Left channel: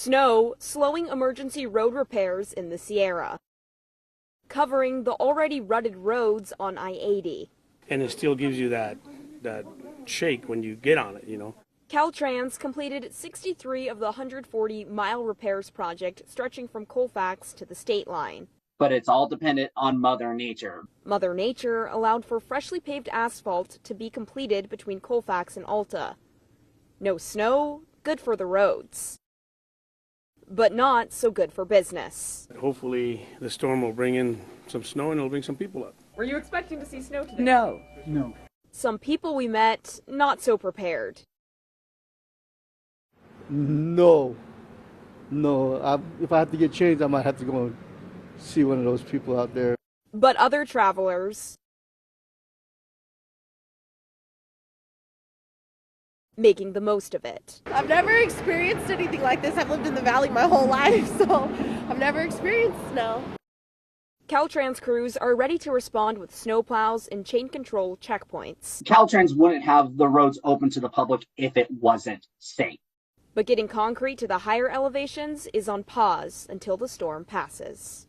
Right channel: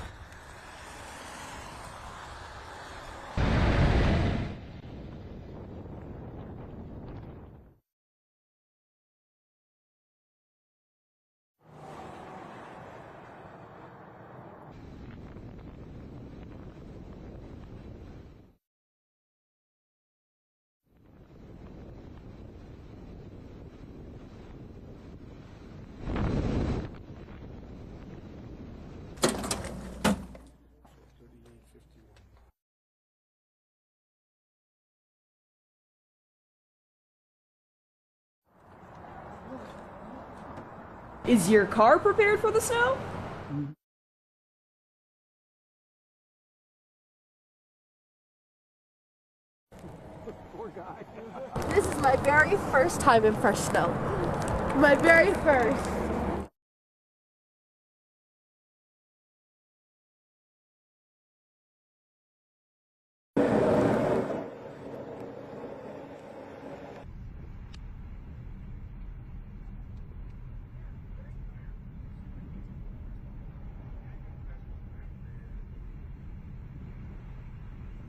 Snow slowing emergency road repairs in the Sierra, covering the already rutted roads on I-80. And it still gives you that shake when you get on it, you know. Caltrans completed 63 of the 140-mile repairs project stretching from Colfax to the state line. But it's all dependent on Mother Nature. Mother Nature allowed for freshly paved asphalt to be completed between Colfax and Alta. No snow, good for the roads, but not so good for business. Hopefully the storm will bring in some snow and it'll bring some people up. Were you expecting to see snow today? No. Some people we met not so prepared. Is your car prepared for the snow? No. If I have to get changed, I might have to go and see one of those people out there. But other travelers, this is my very first time in fresh snow. My very first. Making the most of it. I've never experienced anything like this. I've lived in the valley my whole life, so I've never experienced snow. Caltrans crews are ready to respond with snowplows and chain control checkpoints. Caltrans wouldn't have the roads open to the public if it wasn't safe. But getting concrete to the higher elevations is on pause until the storm passes.